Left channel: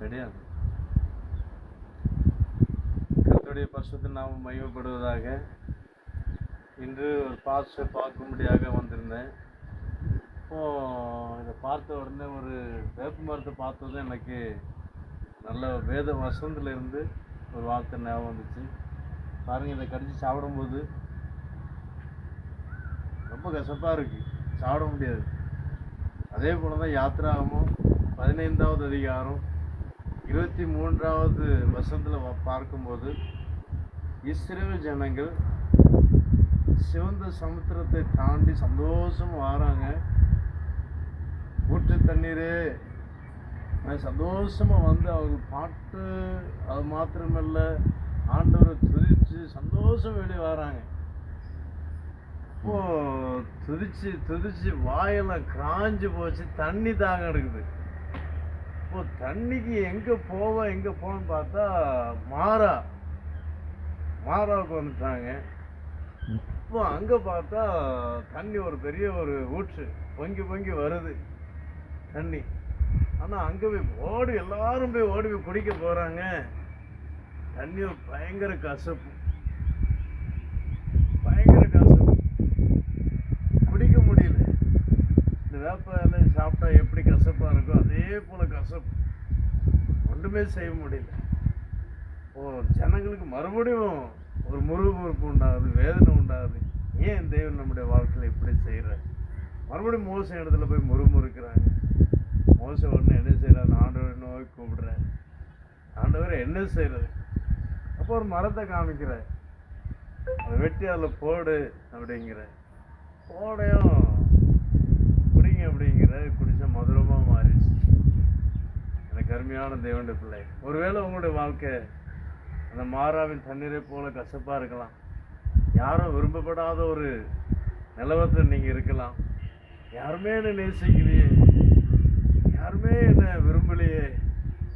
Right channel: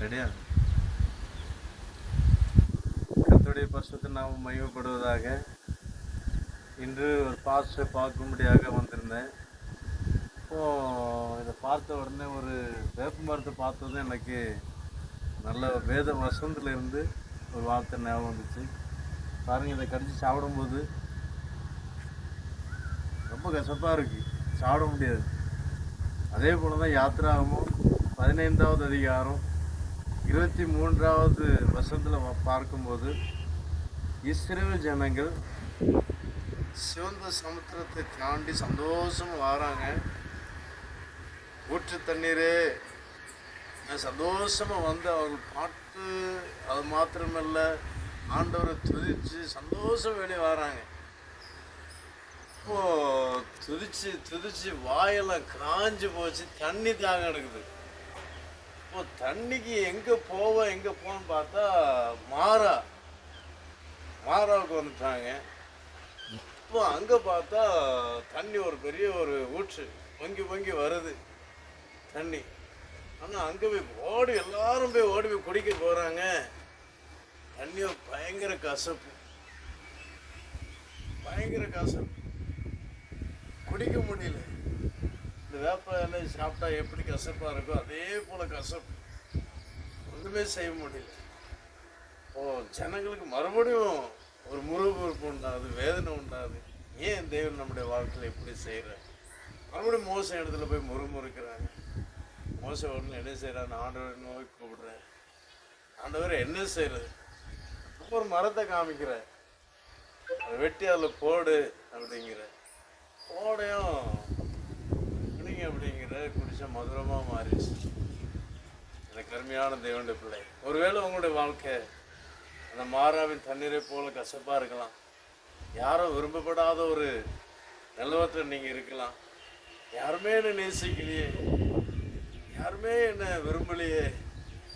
கிடையாது. கத்துடைய பரிசுத்த நாம் மையப்படுவதாக இன்று ஒரு பாஸ்டரை பார்க்கும்படியாக வந்திருந்தேன். இப்போ இதை பார்த்த உடனே ஒரு வேப்ப மரத்தை பார்த்ததும் எனக்கு நல்ல வேத வசந்திலிருந்து இருந்து ஒரு வார்த்தை ஞாபகம் வந்துச்சு. பாருங்கள் இதை கடிச்சு சாப்பிடும்போது ரொம்ப கசப்பாக இருக்குது சாப்பிட முடியாது. அதே போல தான் யாத்திராகமும் பதினைந்தாவது அதிகாரம் இருபத்தி மூன்றாவது வசனத்தில் பார்க்கும்போது இஸ்ரேல் ஜனங்கள் சிவந்த சமுத்திரத்தை தாண்டி சந்தோஷம் வராங்க. ஊற்று தண்ணீரே. சந்தோஷமாக வந்து அவர்கள் பாட்டு அது மாத்திரமல்ல ஆண்டவரை துதித்து சந்தோஷம் வெளியே வராங்க. இப்போது துதிச்சு துதிச்சு வாயெல்லாம் காஞ்சு போச்சு தண்ணி தாகம் எடுக்குது. இப்போ தண்ணிக்கு எங்கே போவோம் எங்கே போகணும்னு பார்த்தா மாறா. மாறாவுக்கு வந்துட்டாங்க. இப்போ அங்கே பார்த்தா தண்ணி ஒரு பெரிய ஒரு ஊற்று. பொங்கி பொங்கி வருது தண்ணி. ஆனால் அங்கே போய் ஓடி எல்லாரும் போய் ஓடி போய் குடிக்க போகிறாங்க தண்ணி பயங்கர கசப்பு. பயங்கர கசப்பு. குடிக்க முடியல. இந்த வேப்ப சாப்பிட்டா எப்படி கசப்பாக இருக்கோ அதே போல் கசப்பு. ஒன்றுமே செய்ய முடியல. ஓ ஜனங்களுக்கு மறுபடியும் ஒரு முருகப்பு உண்டாகுது வேதனை உண்டாகுது. ஏன் தெய்வம் நம்முடைய வாழ்க்கையில் இப்படி செய்கிறாங்க மறுபடியும் மோசம் இடத்துல போய் முறுமுறுக்கிறாங்க. மோசம் உடனே என்ன செய்கிறான் ஆண்டவரை நோய் கூப்பிடுறேன் ஆண்டவர் என்ன செய்கிறது அப்போ ஒரு மரத்தை காமிக்கிற அதை வெட்டி அதில் போடு அப்படிங்கிற போடையும் குடிங்க அப்படிங்கிற குடிச்சா மதுரமாக மாறிடுச்சு. எனக்கு அருமையான தேவண்ட பிள்ளை. ஒருவேளை உங்களுடைய வாழ்க்கை அந்த மாறாவின் தண்ணீரை போல கசப்பாக இருக்கலாம். யாரும் விரும்பப்படாத ஒரு நிலவரத்தில் நீங்கள் இருக்கலாம். யாருமே என்னை நேசிக்கலையே. யாருமே என்னை விரும்பலையே.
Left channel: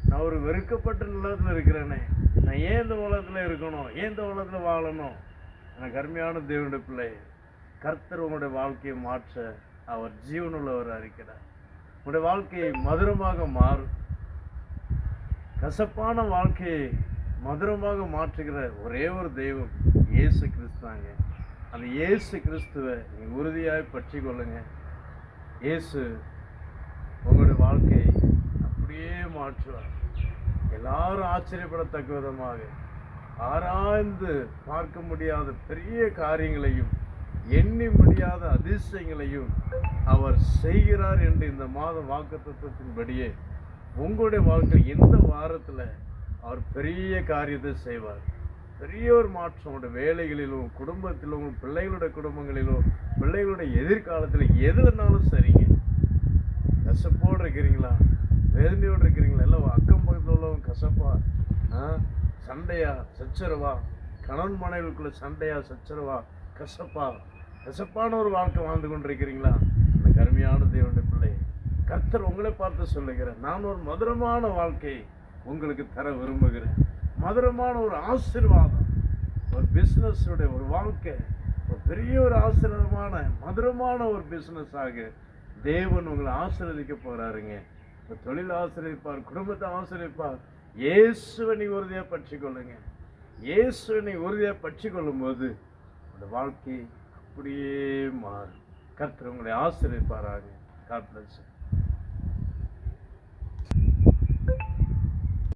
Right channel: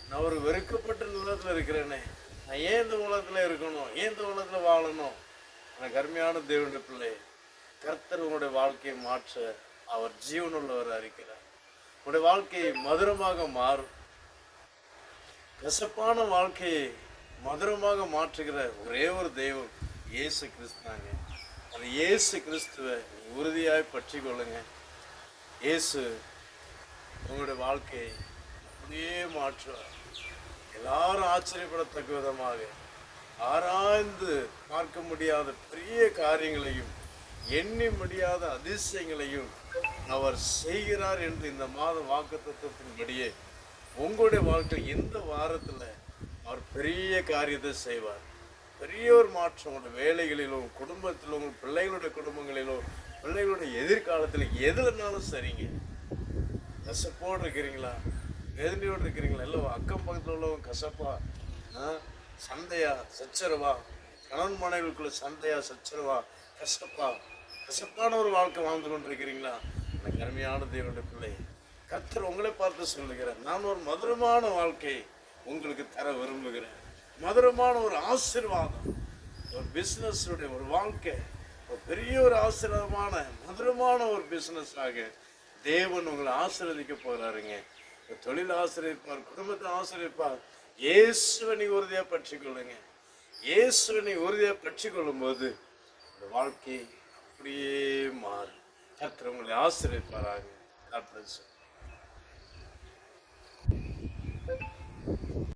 நான் ஒரு வெறுக்கப்பட்ட நிலத்தில் இருக்கிறேனே. நான் ஏன் இந்த உலகத்தில் இருக்கணும்? ஏன் இந்த உலகத்தில் வாழணும்? எனக்கு அருமையான தேவனுடைய பிள்ளை. கர்த்தர் உங்களுடைய வாழ்க்கையை மாற்ற அவர் ஜீவனுள்ளவர் இருக்கிறார் உங்களுடைய வாழ்க்கையை மதுரமாக மாறும். கசப்பான வாழ்க்கையை மதுரமாக மாற்றுகிற ஒரே ஒரு தெய்வம் இயேசு கிறிஸ்துவாங்க அந்த இயேசு கிறிஸ்துவை நீ உறுதியாய் பற்றி கொள்ளுங்க. இயேசு உங்களுடைய வாழ்க்கையை அப்படியே மாற்றுவார். எல்லாரும் ஆச்சரியப்படத்தக்க விதமாக ஆராய்ந்து பார்க்க முடியாத பெரிய காரியங்களையும் எண்ணி முடியாத அதிசயங்களையும் அவர் செய்கிறார் என்று இந்த மாத வாக்குத்தத்தின்படியே உங்களுடைய வாழ்க்கையில் இந்த வாரத்தில் அவர் பெரிய காரியத்தை செய்வார். பெரிய ஒரு மாற்றம் உங்களுடைய வேலைகளிலோ குடும்பத்திலோ உங்கள் பிள்ளைகளுடைய குடும்பங்களிலோ பிள்ளைகளுடைய எதிர்காலத்தில் எதுலனாலும் சரிங்க. கசப்போடு இருக்கிறீங்களா? வேதனையோடு இருக்கிறீங்களா? இல்லை அக்கம் பக்கத்தில் உள்ளவங்க கசப்பா? ஆ? சண்டையா? சச்சரவா? கணவன் மனைவிக்குள்ளே சண்டையா? சச்சரவா? கசப்பா? கசப்பான ஒரு வாழ்க்கை வாழ்ந்து கொண்டிருக்கிறீங்களா? எனக்கு அருமையான தேவனுடைய பிள்ளை. கர்த்தர் உங்களை பார்த்து சொல்லுகிறேன் நான் ஒரு மதுரமான வாழ்க்கையை உங்களுக்கு தர விரும்புகிறேன். மதுரமான ஒரு ஆசீர்வாதம் ஒரு பிஸ்னஸுடைய ஒரு வாழ்க்கை ஒரு பெரிய ஒரு ஆசீர்வாதமான மதுரமான ஒரு பிஸ்னஸ் ஆக தேவன் உங்களை ஆசீர்வதிக்க போகிறாருங்க. உங்க தொழில் ஆசிரியப்பார் குடும்பத்தை ஆசிரியப்பார் இயேசுவை நீ உறுதியாக பற்றி கொள்ளுங்க இயேசுவை நீ உறுதியாக பற்றி கொள்ளும்போது உங்களோட வாழ்க்கை அப்படியே மாறும் கர்த்தர் உங்களை ஆசிரியப்பாராங்க காட் பிளஸ்.